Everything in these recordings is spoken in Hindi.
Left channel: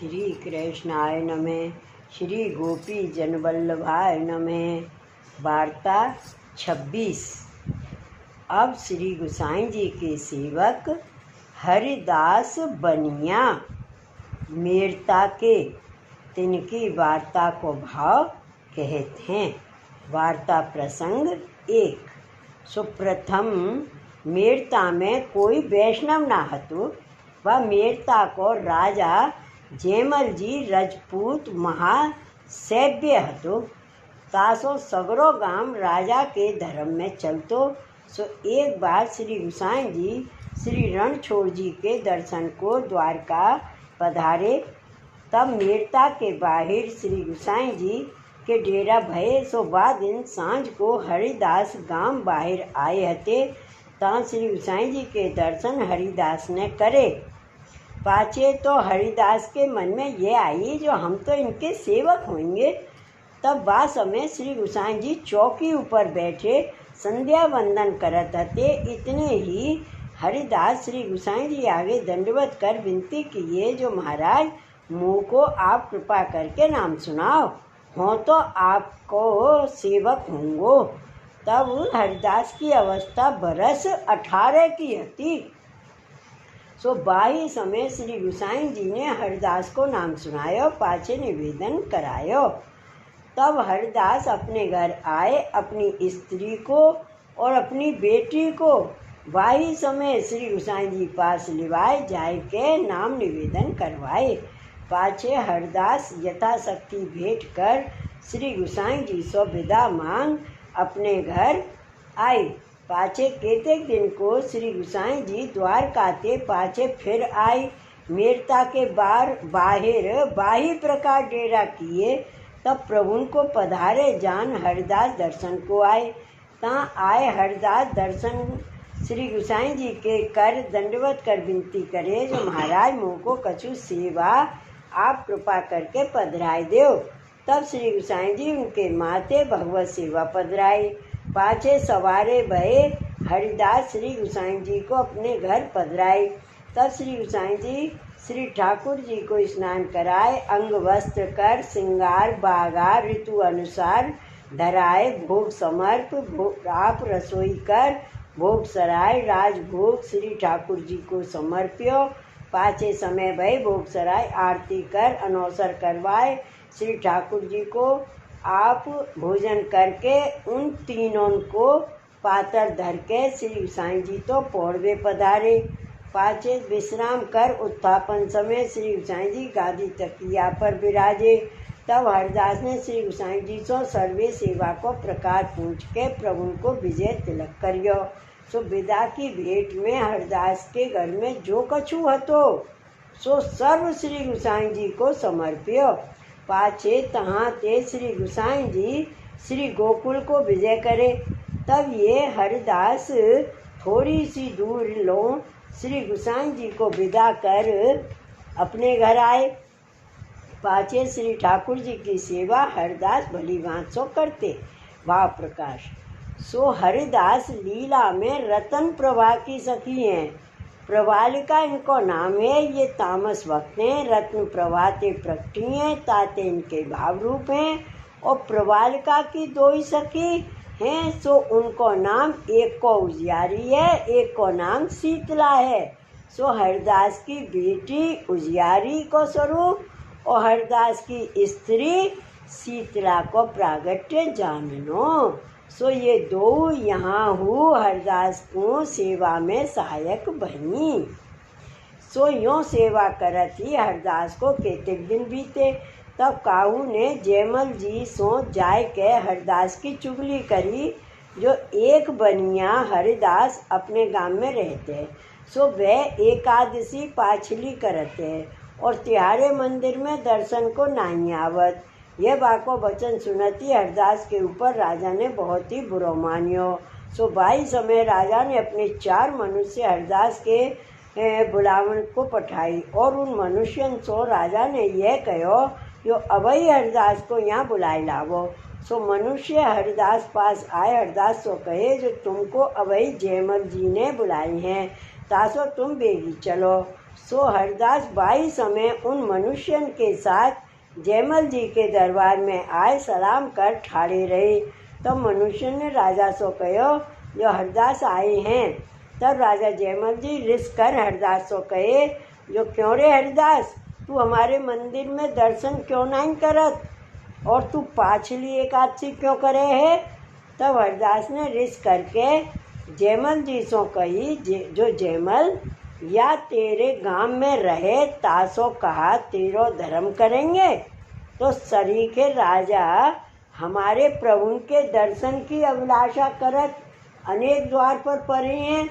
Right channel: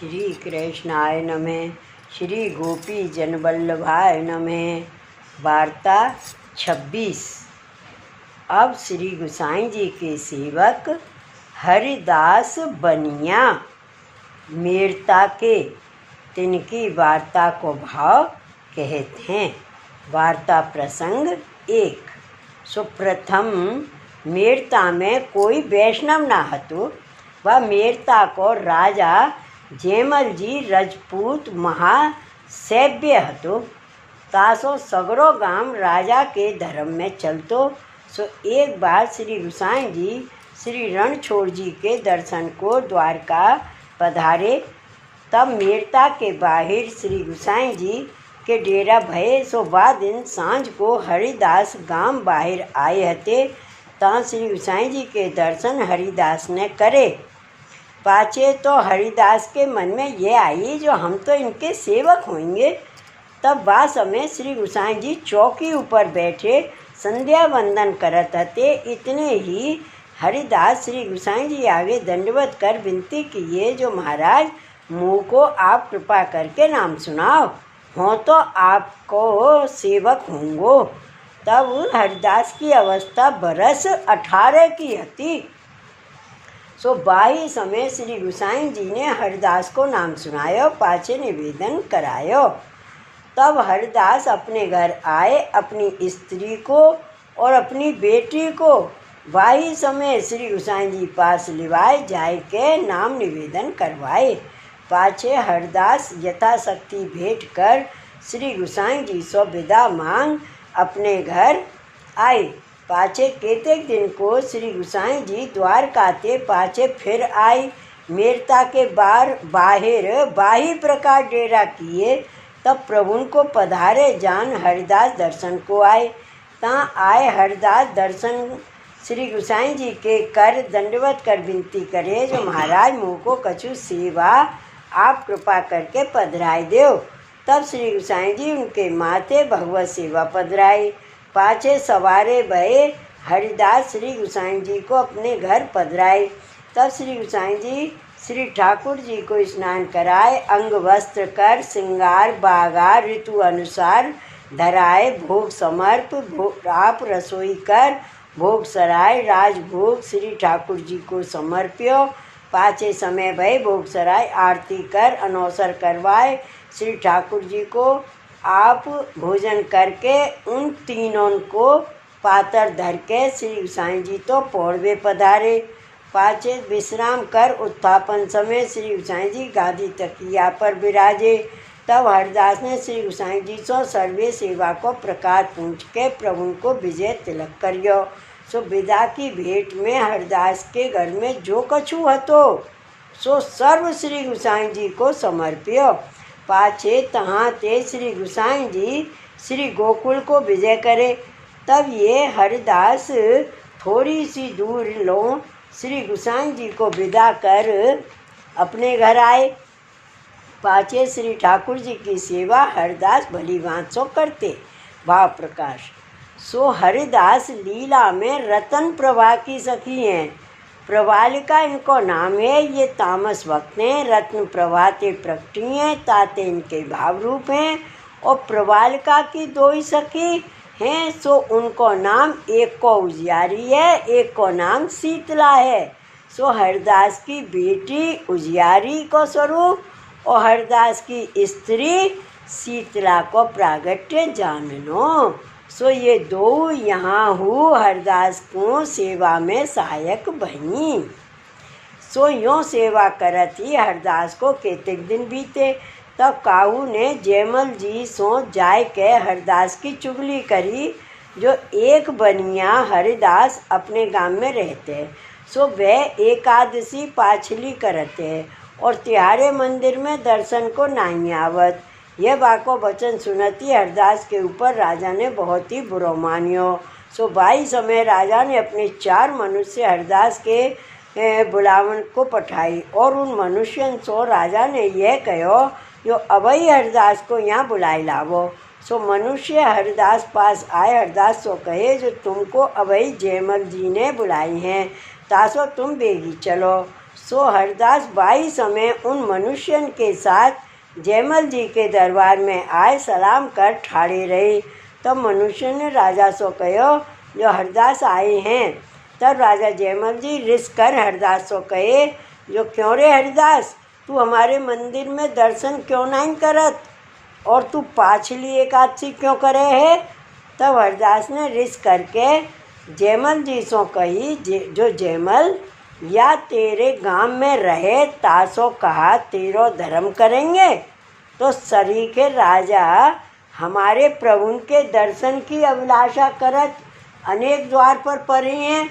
श्री कृष्णाय नमः। श्री गोपी जनवल्लभाय नमः। वार्ता 26। अब श्री गोसाई जी के सेवक हरिदास बनिया मेरता के तिनकी वार्ता को भाव कहते हैं। वार्ता प्रसंग 1। सुप्रथम मेरता में कोई वैष्णव ना हतो। वह मेरता को राजा जयमल जी रजपूत महासैव्य हतो। तासो सगरो गाम राजा के धर्म में चलतो। सो एक बार श्री गोसाई जी श्री रणछोड़ जी के दर्शन को द्वारका पधारे। तब मेरता के बाहर श्री गोसाई जी के डेरा भये। सो वह दिन सांझ को हरिदास गांव बाहर आए हते। ता श्री गोसाई जी के दर्शन हरिदास ने करे। पाचे तो हरिदास के मन में ये आई जो हम तो इनके सेवक होंगे। तब वह समय श्री गोसाई जी चौकी ऊपर बैठे संध्या वंदन करत हते। इतने ही हरिदास श्री गोसाई जी आगे दंडवत कर विनती किए जो महाराज मुँह को आप कृपा करके नाम सुनाओ, हो तो आपको सेवक होंगो। तब हरिदास की अवस्था बरस 18 की हती। सो बाही समय श्री गोसाई जी ने हरिदास को नाम सुनायो, पाछे निवेदन करायो। तब हरिदास अपने घर आए, अपनी स्त्री को और अपनी बेटी को बाही समय श्री गोसाई जी पास लिवाए जाए के नाम निवेदन करवाए। पाछे हरिदास यथाशक्ति भेंट कर श्री गोसाई जी सो विदा मांग अपने घर आए। पाछे केतेक दिन को श्री गोसाई जी द्वारका ते पाछे फिर आए। मेरता के बाहर बाही प्रकार डेरा किए। तब प्रभु को पधारे जान हरिदास दर्शन को आए। ता आए हरिदास दर्शन श्री गोसाई जी के कर दंडवत कर विनती करे जो महाराज मुँह को कछु सेवा आप कृपा करके पधराए देव। तब श्री गोसाई जी उनके माथे भगवत सेवा पधराई। पाछे सवारे भये हरिदास श्री गोसाई जी को अपने घर पधराए। तब श्री गोसाई जी श्री ठाकुर जी को स्नान कराए, अंग वस्त्र कर श्रृंगार बागा ऋतु अनुसार धराए, भोग समर्प आप रसोई कर भोग सराय राजभोग श्री ठाकुर जी को समर्प्यो। पाछे समय भय भोग सराय आरती कर अनौसर करवाए। श्री ठाकुर जी को आप भोजन करके उन तीनों को पातर धर के श्री गोसाई जी तो पौड़वे पधारे। पाछे विश्राम कर उत्थापन समय श्री गोसाई जी गादी तकिया पर विराजे। तब हरिदास ने श्री गोसाई जी सो सर्वे सेवा को प्रकार पूछ के प्रभु को विजय तिलक करियो। सो विदा की भेंट में हरिदास के घर में जो कछु हतो सो सर्व श्री गोसाई जी को समर्प्यो। पाछे तहाँ ते श्री गोसाई जी श्री गोकुल को विजय करे। तब ये हरिदास थोड़ी सी दूर लो श्री गोसाई जी को विदा कर अपने घर आए। पाछे श्री ठाकुर जी की सेवा हरिदास भली भांत सो करते। वाह प्रकाश। सो हरिदास लीला में रतन प्रभा की सखी हैं। प्रवालिका इनको नाम है। ये तामस भक्त हैं। रत्न प्रभा ते प्रकटी हैं, ताते इनके भाव रूप हैं। और प्रवालिका की दो ही सखी हैं। सो उनको नाम एक को उजियारी है, एक को नाम शीतला है। सो हरिदास की बेटी उजियारी को स्वरूप और हरिदास की स्त्री शीतला को प्रागट्य जानो। सो ये दो यहाँ हु हरिदास को सेवा में सहायक बनी। सो यों सेवा करत ही हरिदास को केतेक दिन बीते। तब काहू ने जयमल जी सो जाय के हरिदास की चुगली करी जो एक बनिया हरिदास अपने गांव में रहते। सो वह एकादशी पाछली करते और तिहारे मंदिर में दर्शन को नहीं आवत। यह बाको वचन सुनती हरिदास के ऊपर राजा ने बहुत ही बुरो मानियो। सो बाई समय राजा ने अपने 4 मनुष्य हरिदास के बुलावन को पठाई और उन मनुष्यों सो राजा ने यह कहो जो अभई हरिदास को यहाँ बुलाए लावो। सो मनुष्य हरिदास पास आए। हरिदास सो कहे जो तुमको अभई जयमल जी ने बुलाई हैं, तासो तुम बेगी चलो। सो हरदास बाई समय उन मनुष्यन के साथ जयमल जी के दरबार में आए सलाम कर ठाड़े रहे। तब मनुष्य ने राजा सो कहो जो हरदास आए हैं। तब राजा जयमल जी रिस कर हरदास सो कहे जो क्यों रे हरदास, तू हमारे मंदिर में दर्शन क्यों नहीं करत और तू पाछली एकादशी क्यों करे है। तब हरदास ने रिस करके जयमल जी सो कही जो जयमल या तेरे गांव में रहे तासो कहा तेरो धर्म करेंगे। तो सरीखे राजा हमारे प्रभु के दर्शन की अभिलाषा करत अनेक द्वार पर पड़े हैं,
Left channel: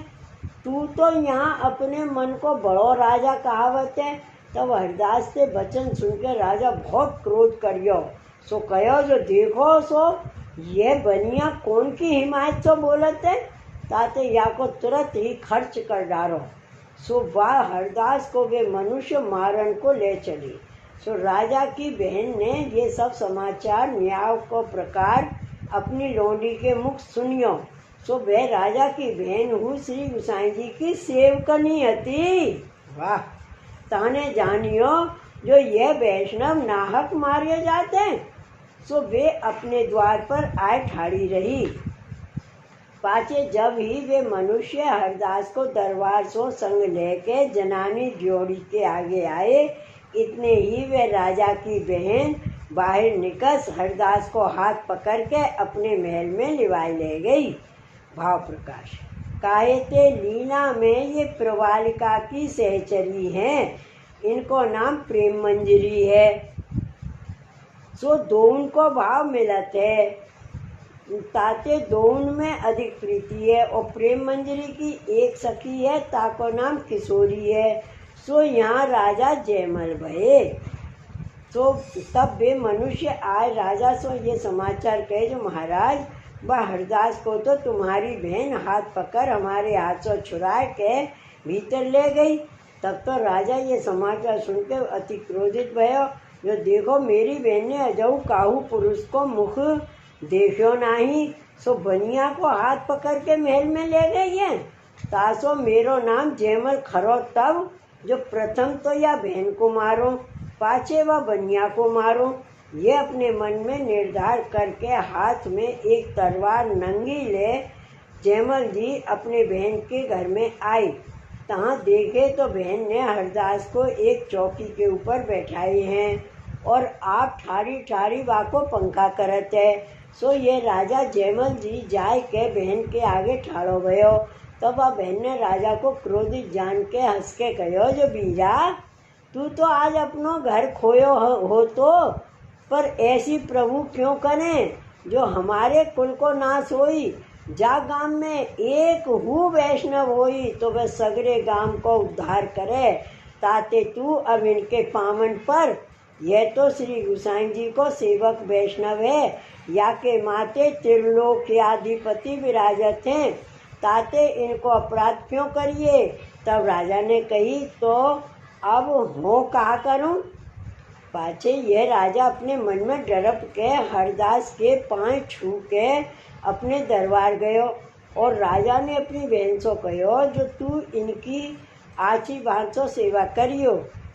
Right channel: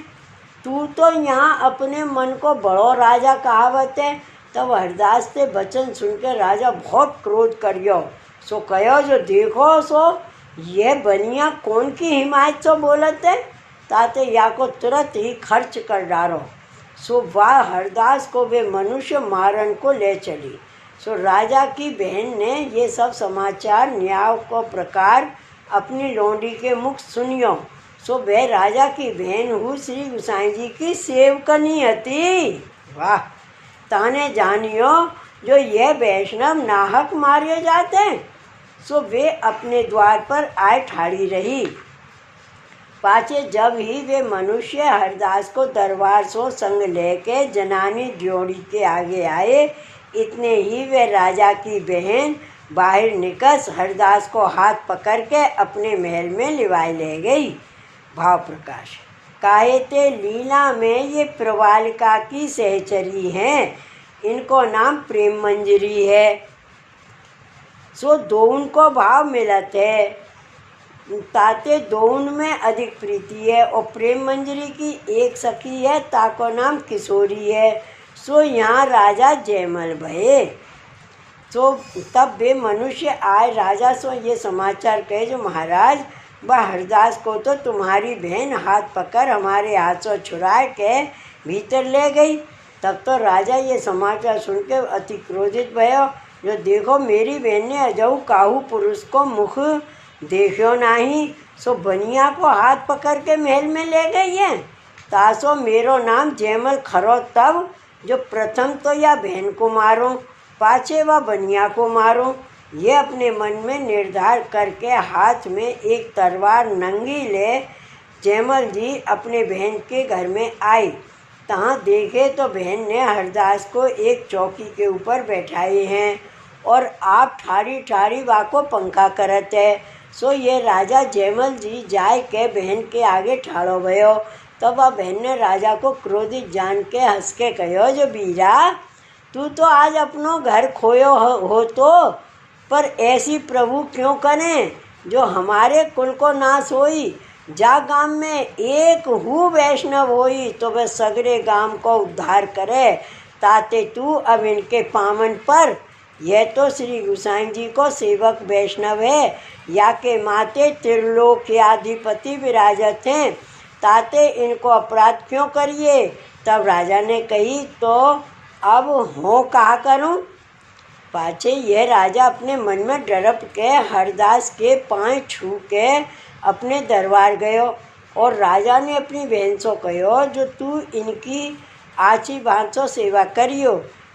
तू तो यहाँ अपने मन को बड़ो राजा कहावत है। तब हरदास से वचन सुनकर राजा बहुत क्रोध करियो। सो कहो जो देखो सो ये बनिया कौन की हिमायत सो बोलत है, ताते या को तुरंत ही खर्च कर डालो। सो वह हरदास को वे मनुष्य मारन को ले चली। सो राजा की बहन ने ये सब समाचार न्याय को प्रकार अपनी लोंडी के मुख सुनियो। सो वह राजा की बहन हूँ श्री गुसाई जी की सेवकनी हती। वाह, ताने जानियो जो ये वैष्णव नाहक मारे जाते हैं। सो वे अपने द्वार पर आए ठाड़ी रही। पाचे जब ही वे मनुष्य हरदास को दरबार सो संग लेके जनानी जोड़ी के आगे आए, इतने ही वे राजा की बहन बाहर निकस हरदास को हाथ पकड़ के अपने महल में लिवाई ले गई। भाव प्रकाश काहे ते लीला में ये प्रवालिका की सहचरी हैं, इनको नाम प्रेम मंजरी है। सो दोन को भाव मिलत है, ताते दोन में अधिक प्रीति है। और प्रेम मंजरी की एक सखी है, ताको नाम किशोरी है। सो यहाँ राजा जयमल भये। सो तब वे मनुष्य आए राजा सो ये समाचार कहे जो महाराज वह हरदास को तो तुम्हारी बहन हाथ पकड़ हमारे हाथ से छुड़ा के भीतर ले गई। तब तो राजा ये समाचार सुन के अति क्रोधित भयो जो देखो मेरी बहन ने अजऊ काहू पुरुष को मुख देखो नहीं, सो बनिया को हाथ पकड़ के महल में ले गई है। तासो मेरो नाम जयमल खरो तब जो प्रथम तो या बहन को मारो पाछे व बनिया को मारो। ये अपने मन में निर्धार करके हाथ में एक तलवार नंगी ले जयमल जी अपने बहन के घर में आई। तहाँ देखे तो बहन ने हरदास को एक चौकी के ऊपर बैठाए हैं और आप ठारी ठारी वाको पंखा करत है। सो ये राजा जयमल जी जाए के बहन के आगे ठाड़ो भयो। तब वह बहन ने राजा को क्रोधित जान के हंस के कहो जो बीरा तू तो आज अपनो घर खोयो हो तो पर ऐसी प्रभु क्यों करें जो हमारे कुल को नाश होई। जा गांव में एक हु वैष्णव होई तो वह सगरे गांव को उद्धार करे, ताते तू अब इनके पामन पर। यह तो श्री गुसाई जी को सेवक वैष्णव है, या के माते त्रिलोक्याधिपति विराजत हैं, ताते इनको अपराध क्यों करिए। तब राजा ने कही तो अब हो कहा करूं। पाछे यह राजा अपने मन में डरप के हरदास के पाँव छू के अपने दरबार गयो और राजा ने अपनी बहन से कहो जो तू इनकी आची भांसो सेवा करियो,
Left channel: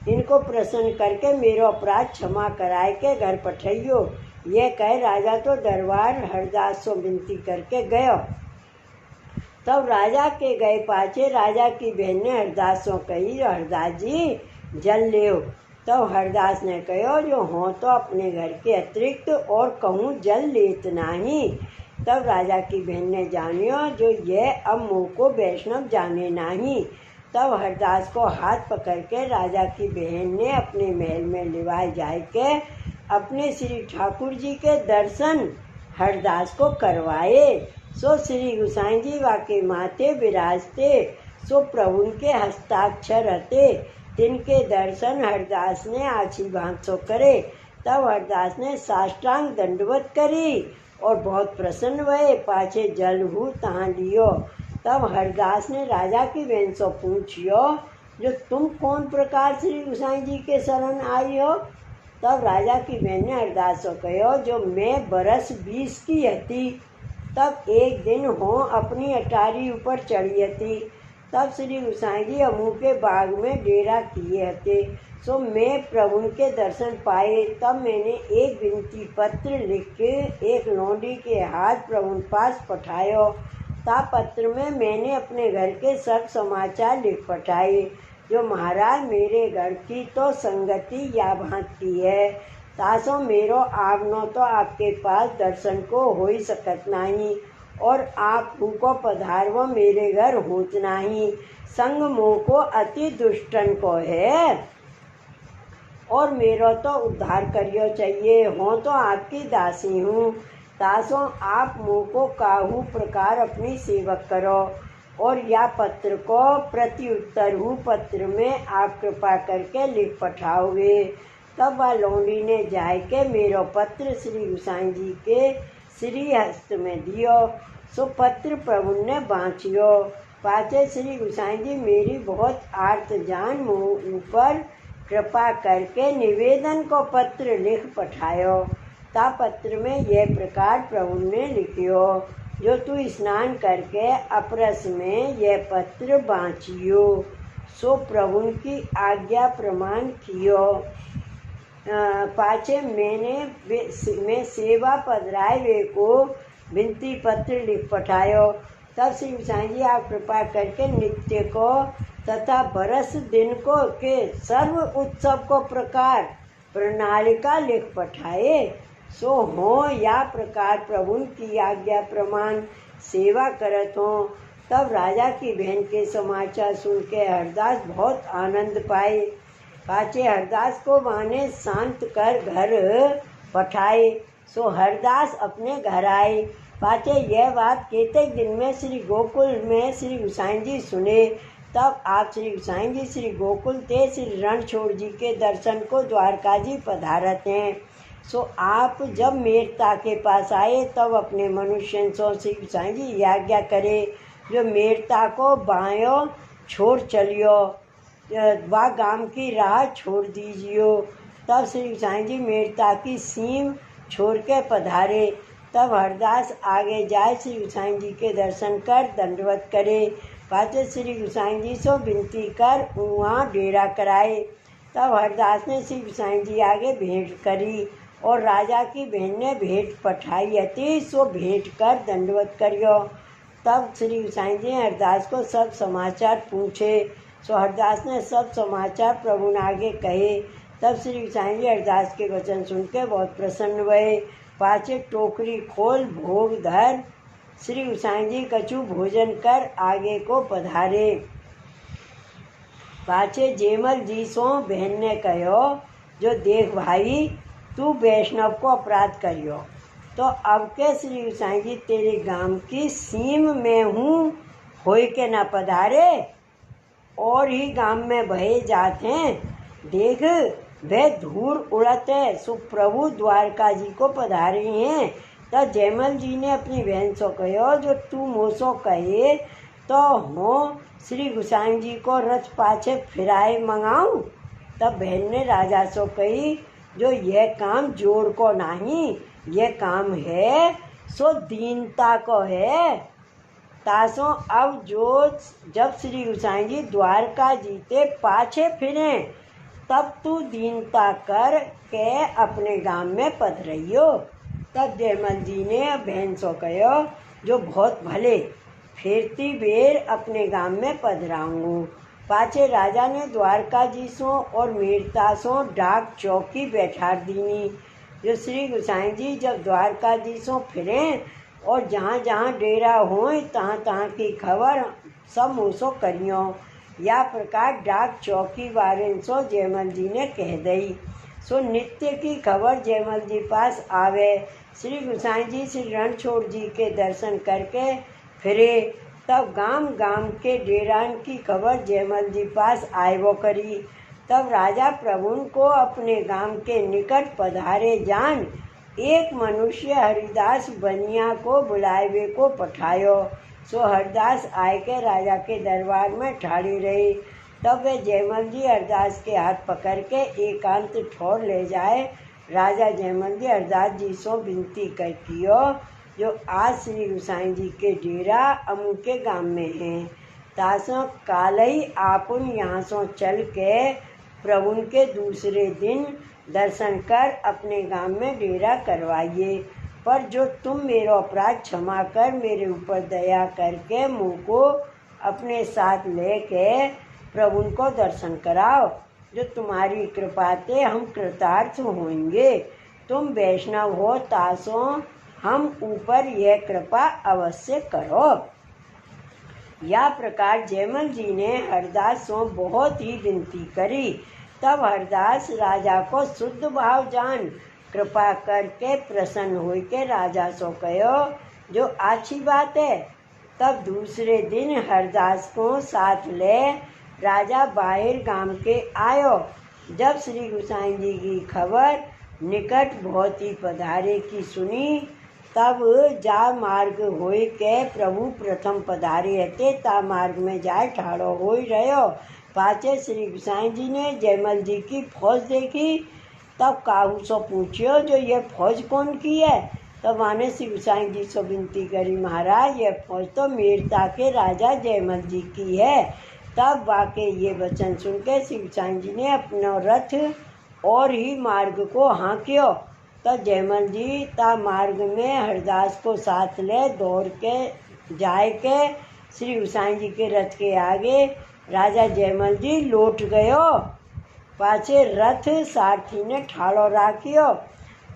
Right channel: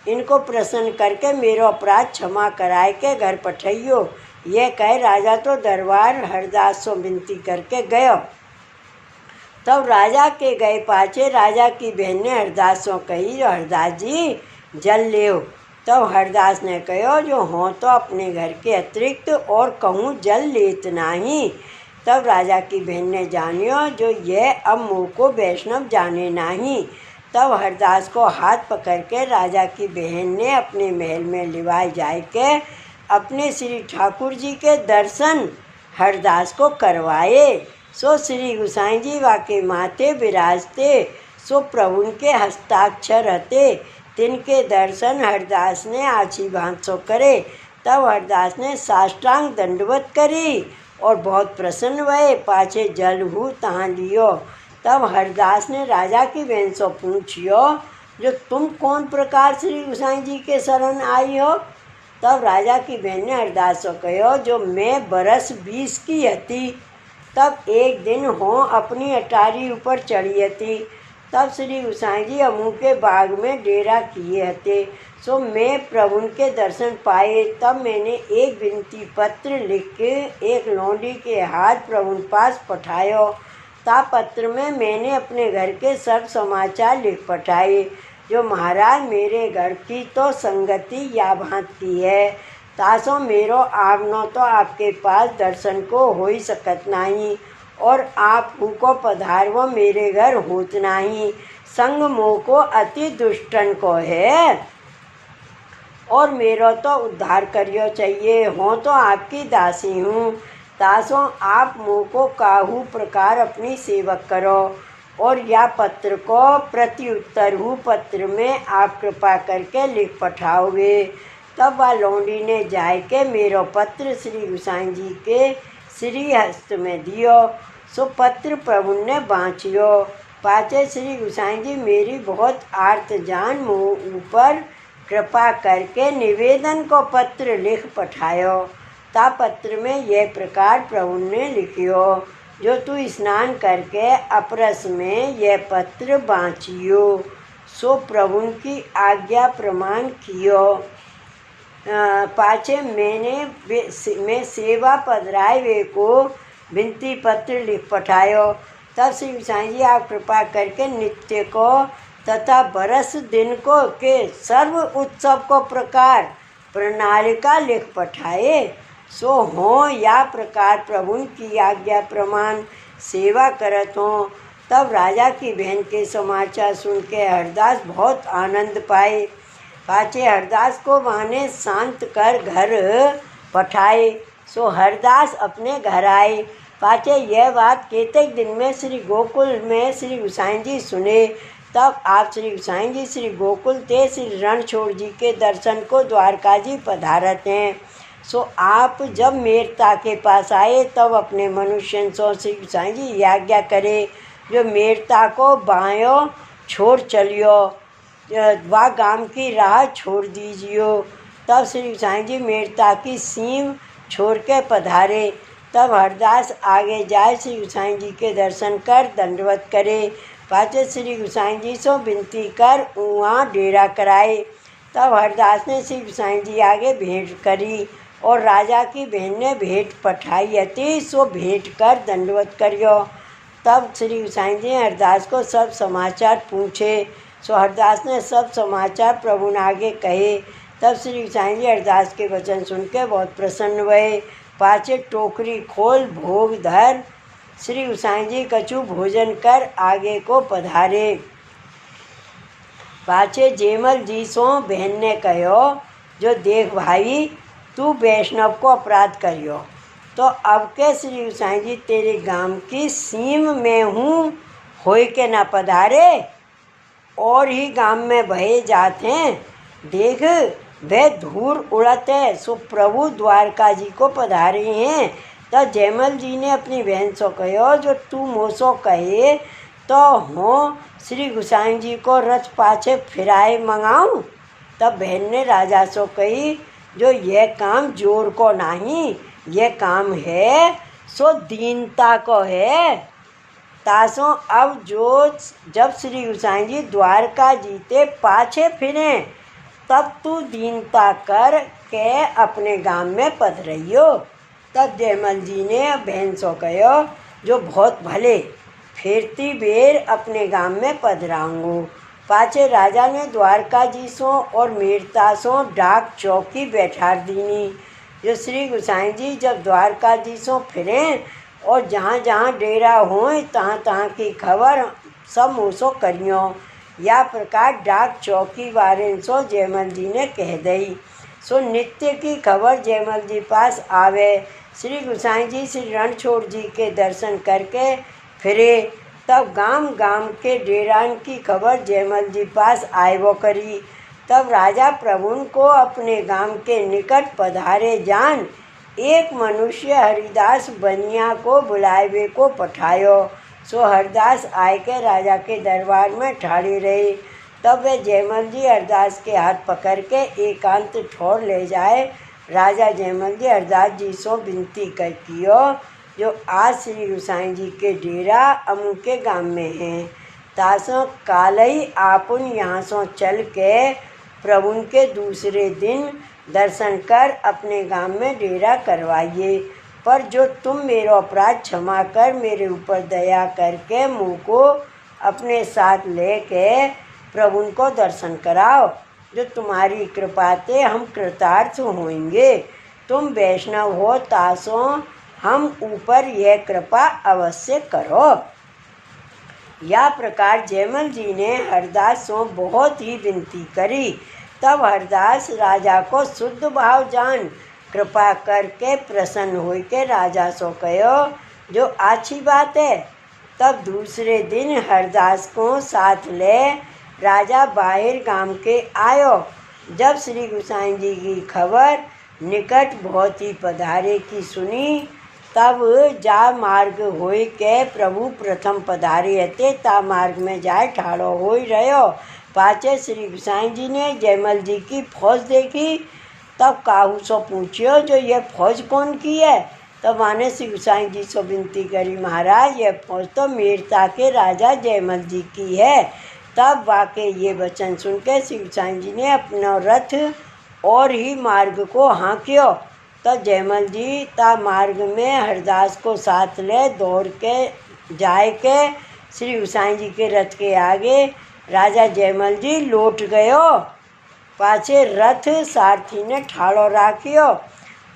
इनको प्रसन्न करके मेरो अपराध क्षमा कराए के घर पठाइयो। यह कहे राजा तो दरबार हरदास से विनती करके गयो। तब राजा के गए पाछे राजा की बहन ने हरदास से कही जो हरदास जी जल लेओ। तब हरदास ने कहो जो हो तो अपने घर के अतिरिक्त और कहूँ जल लेत नहीं। तब राजा की बहन ने जानियो जो यह अब मुँह को वैष्णव जाने नहीं। तब हरदास को हाथ पकड़ के राजा की बहन ने अपने महल में लिवाए जाए के अपने श्री ठाकुर जी के दर्शन हरदास को करवाए। सो श्री गुसाई जी वाके माथे विराजते, सो प्रभु के हस्ताक्षर रहते, तिनके दर्शन हरदास ने आछी भांसो करे। तब हरदास ने साष्टांग दंडवत करी और बहुत प्रसन्न भये। पाछे जल हु तहाँ लियो। तब हरदास ने राजा की बहन से पूछियो जो तुम कौन प्रकार श्री गुसाई जी के शरण आई हो। तब राजा की बहन ने हरदास से कहो जो मैं बरस 20 की हती। तब एक दिन हो अपनी अटारी ऊपर चढ़ी हती। तब श्री गोसाई जी अमू के बाग में डेरा किए हते। सो मैं प्रभु के दर्शन पाए। तब मैंने एक विनती पत्र लिख के एक लौंडी के हाथ प्रभु पास पठायो। ता पत्र में मैंने अपने घर के सब समाचार लिख पठाए। जो महाराज मेरे घर की तो संगति या भांत की है, तासो मेरो आवनो तो आपके पास दर्शन को हो ही सकत नहीं, और आप को पधारवो मेरे घर होत नहीं। संग मोह को अति दुष्टन को है, और मेरो तो उद्धार करियो चाहिए। हो तो आपकी दासी हूँ, तासो आप मुँह को काहू प्रकार अपनी सेवक करो। और या पत्र को प्रत्युत्तर हूँ पत्र में आप कृपा करके लिख पठाओगे। तब वह लौंडी ने जाय के मेरो पत्र श्री गोसाई जी के श्री हस्त में दियो। सो पत्र प्रभु ने बाँचियो। पाचे श्री गोसाई जी मेरी बहुत आर्त जान मुँह ऊपर कृपा करके निवेदन को पत्र लिख पठायो। ता पत्र में यह प्रकार प्रभु ने लिखियो, जो तू स्नान करके अपरस में यह पत्र बाँचियो। सो प्रभु की आज्ञा प्रमाण कियो। पाछे मैं सेवा पधराए वे को विनती पत्र लिख पठायो। तब श्री गोसाई जी आप कृपा करके नित्य को तथा बरस दिन को के सर्व उत्सव को प्रकार प्रणालिका लिख पठाए। सो हो या प्रकार प्रभु की आज्ञा प्रमाण सेवा करत हो। तब राजा की बहन के समाचार सुन के हरदास बहुत आनंद पाए। पाचे हरदास को माने शांत कर घर पठाए। सो हरदास अपने घर आए। पाचे यह बात केतक दिन में श्री गोकुल में श्री गोसाई जी सुने। तब आप श्री गोसाई जी श्री गोकुल ते श्री रणछोड़ जी के दर्शन को द्वारका जी पधारत हैं। सो आप जब मेरता के पास आए तब अपने मनुष्य सो श्री गोसाई जी आज्ञा करे, जो मेरता को बायो छोड़ चलियो, वह गांव की राह छोड़ दीजियो। तब श्री गोसाई जी मेरता की सीम छोड़ के पधारे। तब हरदास आगे जाए श्री गोसाई जी के दर्शन कर दंडवत करे। पाचे श्री गोसाई जी सो विनती कर वहाँ डेरा कराए। तब हरदास ने श्री गोसाई जी आगे भेंट करी, और राजा की बहन ने भेंट पठाई अति। सो भेंट कर दंडवत करियो। तब श्री गोसाई जी हरदास को सब समाचार पूछे। सो हरदास ने सब समाचार प्रभु ने आगे कहे। तब श्री गोसाई जी हरदास के वचन सुन के बहुत प्रसन्न हुए। पाचे टोकरी खोल भोग धर श्री गोसाई जी कछु भोजन कर आगे को पधारे। पाचे जेमल जी सो बहन ने कहो, जो देख भाई तू वैष्णव को अपराध करियो, तो अब के श्री गोसाई जी तेरे गांव की सीम में हूँ, होय के न पधारे और ही गांव में बहे जाते हैं। देख वह धूल उड़त है। सो प्रभु द्वारका जी को पधारे हैं। तो जयमल जी ने अपनी बहन सो कहो, जो तू मोसो कहे तो हो श्री गोसाई जी को रथ पाछे फिराए मंगाऊं। तब बहन ने राजा सो कही, जो यह काम जोर को नहीं, यह काम है सो दीनता को है। तासो अब जब श्री गोसाई जी द्वारका जीते पाछे फिरे, तब तू दीनता कर के अपने गांव में पधरइयो। तब जयमल जी ने बहन सो कहो, जो बहुत भले फिरती बेर अपने गांव में पधराऊंगू। पाछे राजा ने द्वारका जी सो और मेरता सो डाक चौकी बैठा दीनी। जो श्री गोसाई जी जब द्वारका जी सो फिरे और जहाँ जहाँ डेरा होए तहाँ तहाँ की खबर सब मुँसो करियो। या प्रकार डाक चौकी वारे सो जयमल जी ने कह दई। सो नित्य की खबर जयमल जी पास आवे। श्री गोसाई जी श्री रणछोड़ जी के दर्शन करके फिरे। तब गांव गांव के डेरान की खबर जयमल जी पास आयवो करी। तब राजा प्रभुन को अपने गांव के निकट पधारे जान एक मनुष्य हरिदास बनिया को बुलावे को पठायो। सो हरदास आय के राजा के दरबार में ठाड़े रहे। तब वे जयमल जी हरदास के हाथ पकड़ के एकांत ठोर ले जाए। राजा जयमल जी हरदास जी सो विनती कर कियो, जो आज श्री गोसाई जी के डेरा अमू के गांव में हैं। तासों काल ही आपुन यहाँ सो चल के प्रभु के दूसरे दिन दर्शन कर अपने गांव में डेरा करवाइए। पर जो तुम मेरा अपराध क्षमा कर मेरे ऊपर दया करके मुँह को अपने साथ लेके प्रभु को दर्शन कराओ, जो तुम्हारी कृपा से हम कृतार्थ होंगे। तुम वैष्णव हो तासों हम ऊपर यह कृपा अवश्य करो। या प्रकार जयमल जी ने हरदास से बहुत ही विनती करी। तब हरदास राजा को शुद्ध भाव जान कृपा करके प्रसन्न हो के राजा सो कहो, जो अच्छी बात है। तब दूसरे दिन हरदास को साथ ले राजा बाहर गांव के आयो। जब श्री गोसाई जी की खबर निकट बहुत ही पधारे की सुनी, तब जा मार्ग होय के प्रभु प्रथम पधारे हते। ता मार्ग में जाए ठाड़ो हो रहो। पाचे श्री गोसाई जी ने जयमल जी की फौज देखी। तब काहू सो पूछियो, जो यह फौज कौन की है। तब माने श्री गोसाई जी से विनती करी, महाराज यह फौज तो मीरता के राजा जयमल जी की है। तब वाकई ये वचन सुन के श्री गोसाई जी ने अपना रथ और ही मार्ग को हाँक्यो। तब जयमल जी ता मार्ग में हरदास को साथ ले दौड़ के जाए के श्री गोसाई जी के रथ के आगे राजा जयमल जी लौट गयो। पाछे रथ सारथी ने ठाड़ो राखियो।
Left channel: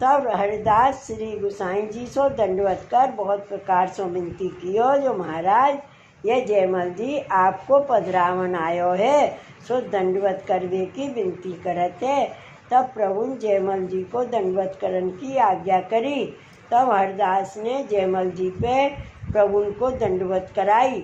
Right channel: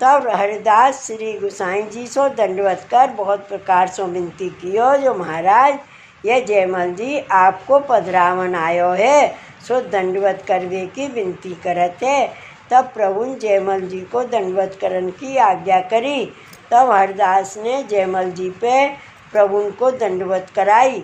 तब हरदास श्री गोसाई जी सो दंडवत कर बहुत प्रकार से विनती कियो, जो महाराज यह जयमल जी आपको पधरावन आयो है, सो दंडवत करवे की विनती करत है। तब प्रभु जयमल जी को दंडवत करने की आज्ञा करी। तब हरदास ने जयमल जी पे प्रभु को दंडवत कराई।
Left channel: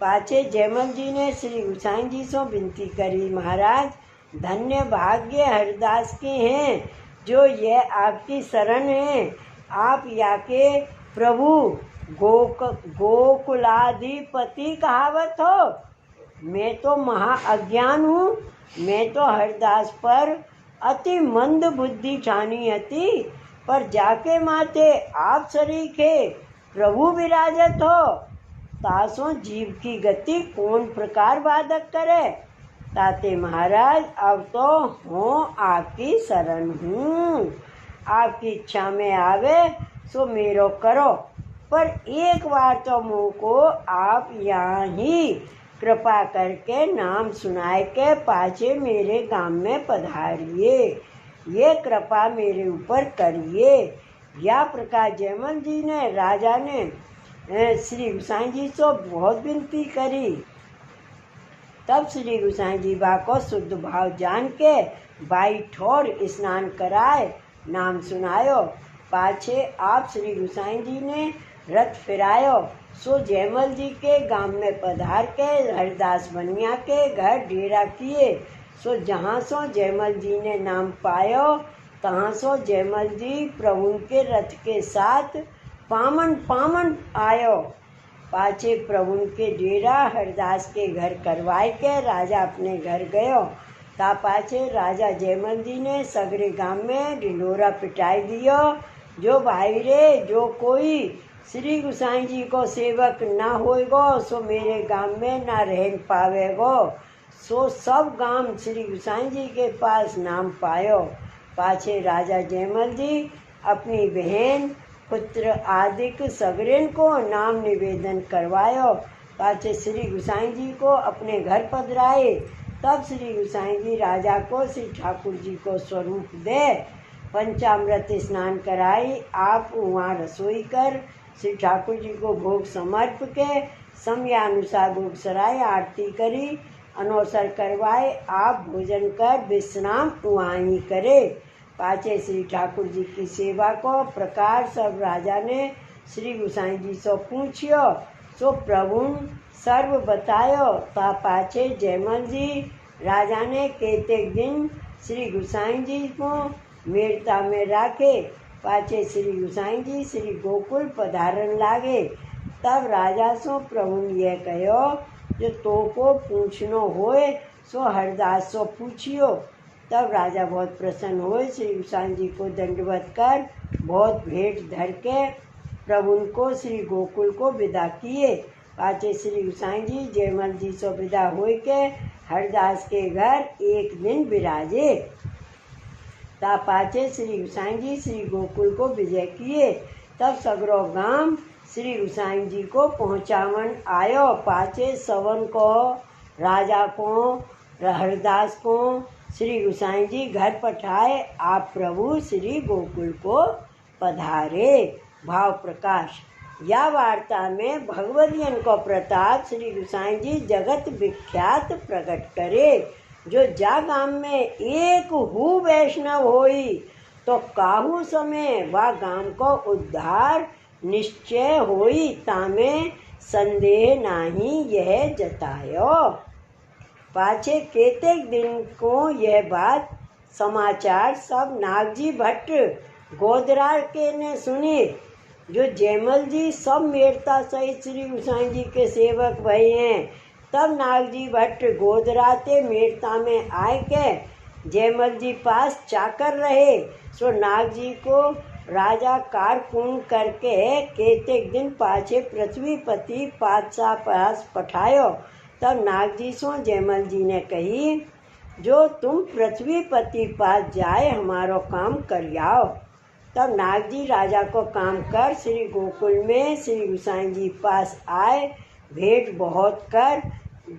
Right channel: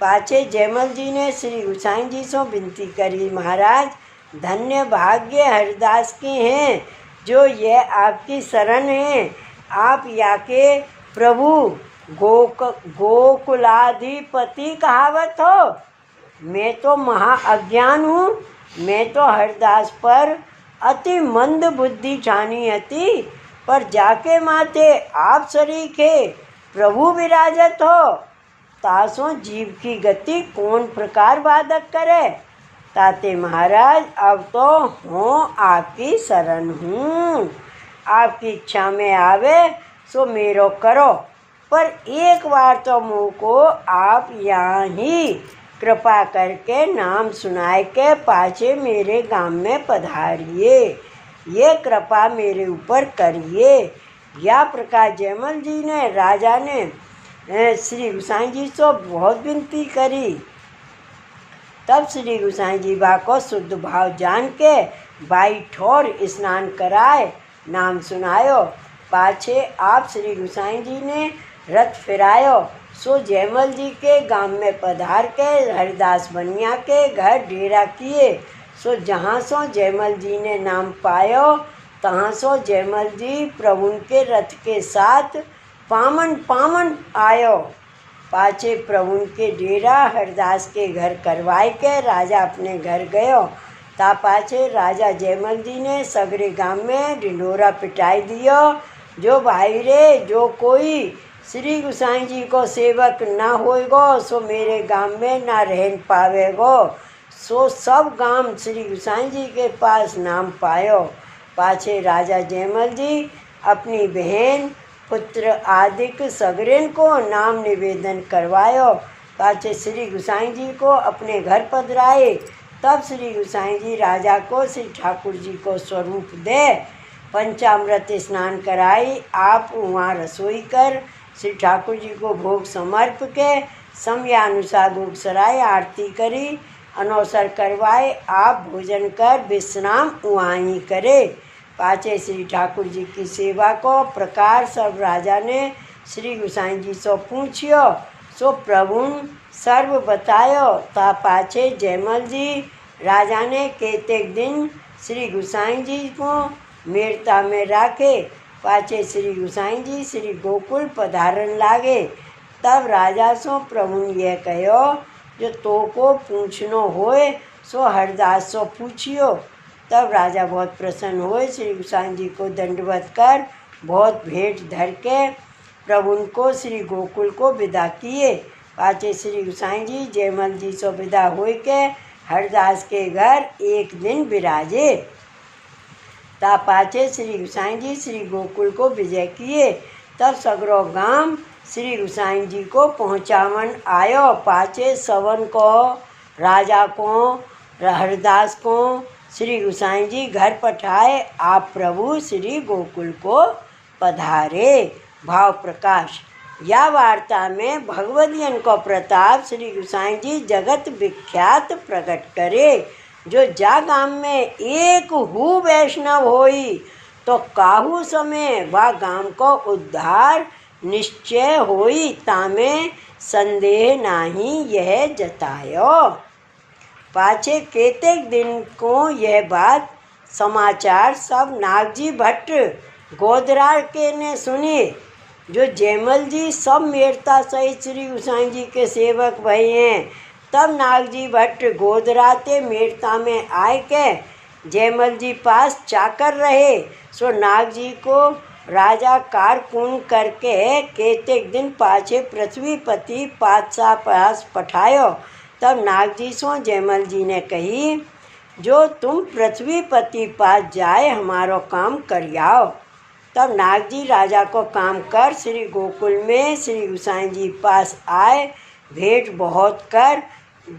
पाछे जयमल जी ने श्री गोसाई जी से विनती करी, महाराज धन्य भाग्य हरदास के हैं, जो ये आपकी शरण है। आप या के प्रभु गोकुलाधिपति कहावत हो। मैं तो महा अज्ञान हूँ। मैं तो हरदास पर अति मंद बुद्धि ठानी हती, पर जाके माथे आप शरीके प्रभु विराजत हो। तासों जीव की गति कौन प्रकार बाधक करे। ताते महाराज अब तो हूँ आपकी शरण हूँ। आपकी इच्छा में आवे सो मेरो करो, पर एक बार तो मुँह को आप यहाँ ही कृपा करके नाम सुनाए के पाछे मेरे गांव में पधारिए। ये कृपा मेरे ऊपर करिए। या प्रकार जयमल जी ने राजा ने श्री गोसाई जी से बहुत विनती करी। तब श्री गोसाई जी बा को शुद्ध भाव जान के बाई ठोर स्नान कराए, नाम सुनायो। पाछे आप श्री गोसाई जी ने रथ फिरायो। सो जयमल जी के गांव में पधार के हरदास बनिया के घर डेरा किए। सो जहाँ सो जयमल जी ने नाम पायो, तहाँ सो जयमल जी प्रभु के रथ के साथ पामन पामन आयो। पाछे प्रभु के डेरा हरदास के घर करवाए के राजा अपने घर गयो। ता पाछे राजा जयमल जी ने सगरे गांव में ढिंढोरा पिटाई दियो, जो भाई रे जो कोई श्री गोसाई जी को सेवक ना होएगो सो मेरे गांव में ना रह पावेगो। सो सब गांव श्री गोसाई जी के पास नाम पायो। पाछे राजा जयमल जी अपनी बहन पुत्र आदिक सगरेन को नाम निवेदन करवायो। पाछे श्री गोसाई जी को अपने घर पधराए। तब श्री गोसाई जी राजा को श्री ठाकुर जी को स्वरूप दे पंचामृत स्नान कराई। आप वहाँ रसोई कर श्री ठाकुर जी को भोग समर्प के समयानुसार भोग सराय आरती करी, अनवसर करवाए। आप भोजन कर विश्राम वहाँ ही करे। पाछे श्री ठाकुर जी की सेवा को प्रकार सब राजा ने श्री गोसाई जी से पूछियो। सो प्रभु सर्व बतायो। ता पाछे जयमल जी राजा ने केतेक दिन श्री गोसाई जी को मीरता में राखे। पाछे श्री गोसाई जी श्री गोकुल पधारन लागे। तब राजा सो प्रभु यह कहो, जो तो को पूछनो होए सो हरदास सो पूछियो। तब राजा बहुत प्रसन्न हुए, श्री गोसाई जी को दंडवत कर बहुत भेंट धर के प्रभु को श्री गोकुल को विदा किए। पाछे श्री गोसाई जी जयमल जी सो विदा हुई के हरदास के घर एक दिन विराजे। ता पाछे श्री गोसाई जी श्री गोकुल को विजय किए। तब सगरो गाम श्री गोसाई जी को पहुँचावन आयो। पाछे सवन को राजा को हरदास को श्री गोसाई जी घर पठाए। आप प्रभु श्री गोकुल को पधारे। भाव प्रकाश। या वार्ता में भगवदियन को प्रताप श्री गोसाई जी जगत विख्यात प्रकट करे। जो जा गाम में एक हु वैष्णव होई तो काहू समय वा गाम को उद्धार निश्चय होई। तामे संदेह नाही यह जतायो। पाछे केतेक दिन को यह बात समाचार सब नागजी भट्ट गोदरा के ने सुने। जो जयमल जी सब मेरता सहित श्री गोसाई जी के सेवक भई हैं। तब नागजी भट्ट गोदरा ते मेरता में आए के जयमल जी पास चाकर रहे। सो नागजी को राजा कारकुन करके केतेक दिन पाछे पृथ्वीपति पातशाह पास पठायो। तब नागजी सो जयमल जी ने कही, जो तुम पृथ्वीपति पास जाए हमारो काम करियाओ। तब नागजी राजा को काम कर श्री गोकुल में श्री गोसाई जी पास आए। भेंट बहुत कर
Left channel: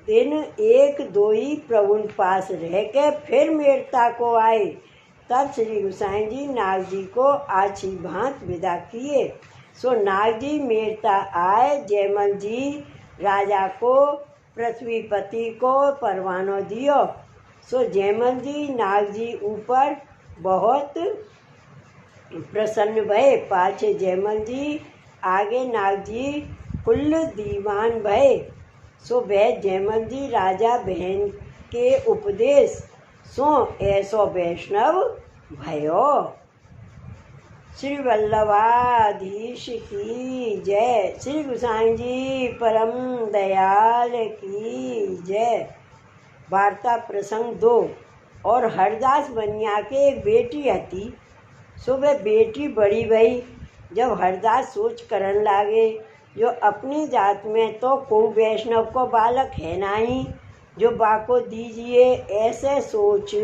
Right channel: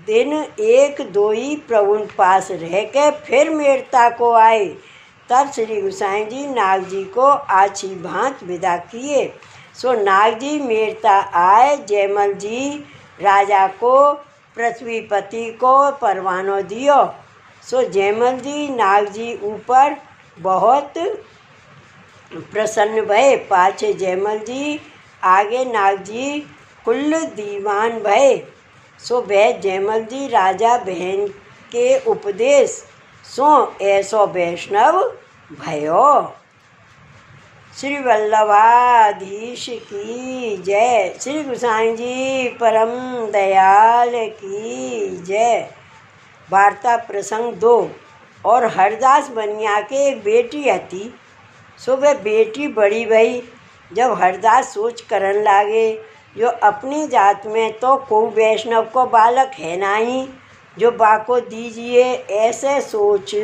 दिन एक दो ही प्रभु पास रह के फिर मेरता को आए। तब श्री गोसाई जी नागजी को आछी भांत विदा किए। सो नागजी मेरता आए। जयमल जी राजा को पृथ्वीपति को परवानो दियो। सो जयमल जी नागजी ऊपर बहुत प्रसन्न भये। पाछे जयमल जी आगे नागजी कुल दीवान भये। सो वह जयमल जी राजा बहन के उपदेश सो ऐसो वैष्णव भयो। श्री वल्लभाधीश की जय। श्री गोसाई जी परम दयाल की जय। वार्ता प्रसंग 2। और हरदास बनिया के एक बेटी हती। सो वह बेटी बड़ी भई। जब हरदास सोच करन लागे, जो अपनी जात में तो को वैष्णव को बालक है नहीं जो बाको दीजिए। ऐसे सोच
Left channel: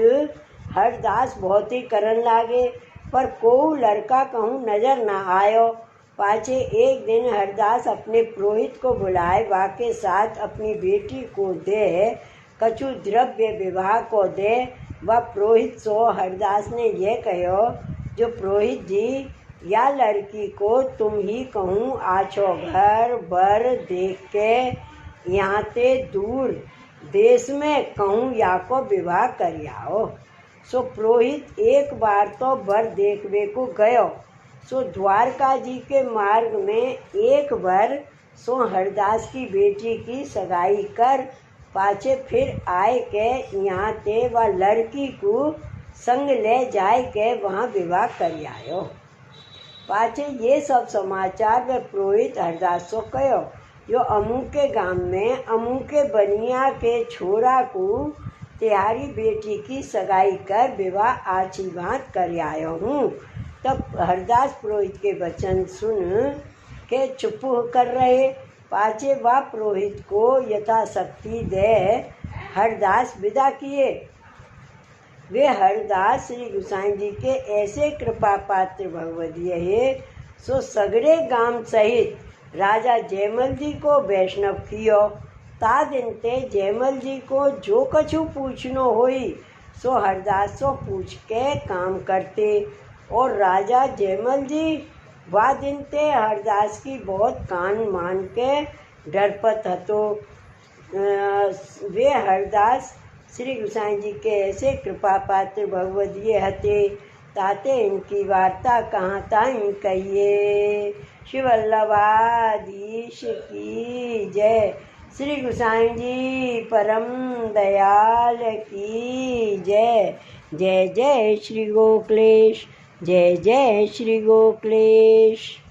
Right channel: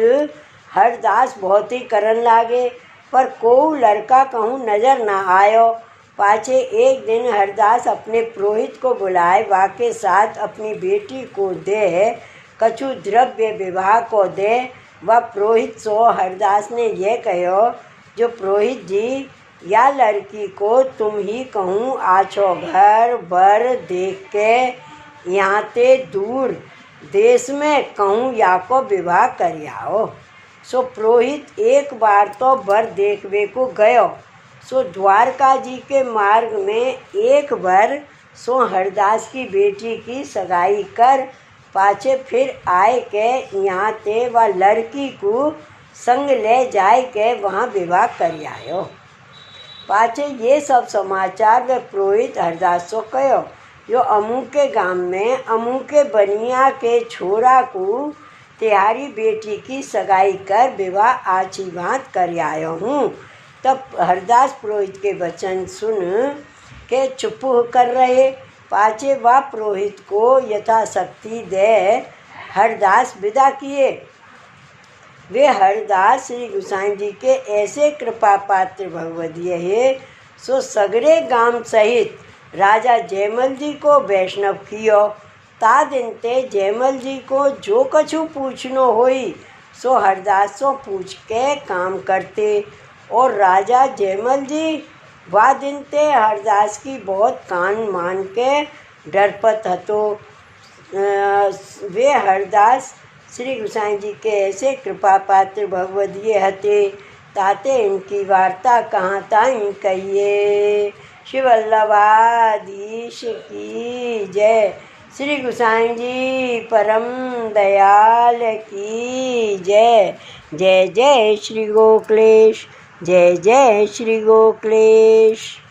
हरदास बहुत ही करन लागे, पर को लड़का कहूँ नजर न आयो। पाछे एक दिन हरदास अपने पुरोहित को बुलाए, वाके साथ अपनी बेटी को दे कछु द्रव्य विवाह को दे। वह पुरोहित सो हरदास ने यह कहो, जो पुरोहित जी या लड़की को तुम ही कहूँ आछो घर बर देख के यहाँ ते दूर देश में कहूँ या को विवाह करियाओ। सो पुरोहित एक बार तो बर देखवे को गयो। सो द्वारका जी के मार्ग में एक बार सो हरदास की बेटी की सगाई कर पाछे फिर आए के यहाँ ते वह लड़की को संग ले जाए के वहाँ विवाह कर आयो। पाछे ये सब समाचार वे पुरोहित हरदास को कहो, जो अमू के गांव में अमू के बनिया के छोरा को तिहारी बेटी की सगाई कर विवाह आछी भांत कर आयो हूँ। तब हरदास पुरोहित के वचन सुन के चुप कर रहे। पाछे वह पुरोहित को यथाशक्ति दे हरदास विदा किए। वे हरदास श्री गोसाई जी के ऐसे कृपा पात्र भगवदीय है, सो सगरे गांव सहित राजा जयमल जी को वैष्णव कियो। ता दिन ते जयमल जी को जो कछु पूछनो होई सो हरदास सो पूछ के काम करते। और राजा जयमल जी वह दिन ते हरदास की बहुत कान मान के डरपत हतो। वे हरदास श्री गोसाई जी के ऐसे कृपा पात्र भगवदीय हते, ताते इनकी वार्ता कहाँ ताई कहिए। श्री वल्लभाधीश की जय। श्री गोसाई जी परम दयाल की जय। जय जय श्री गोकुलेश। जय जय श्री गोकुलेश।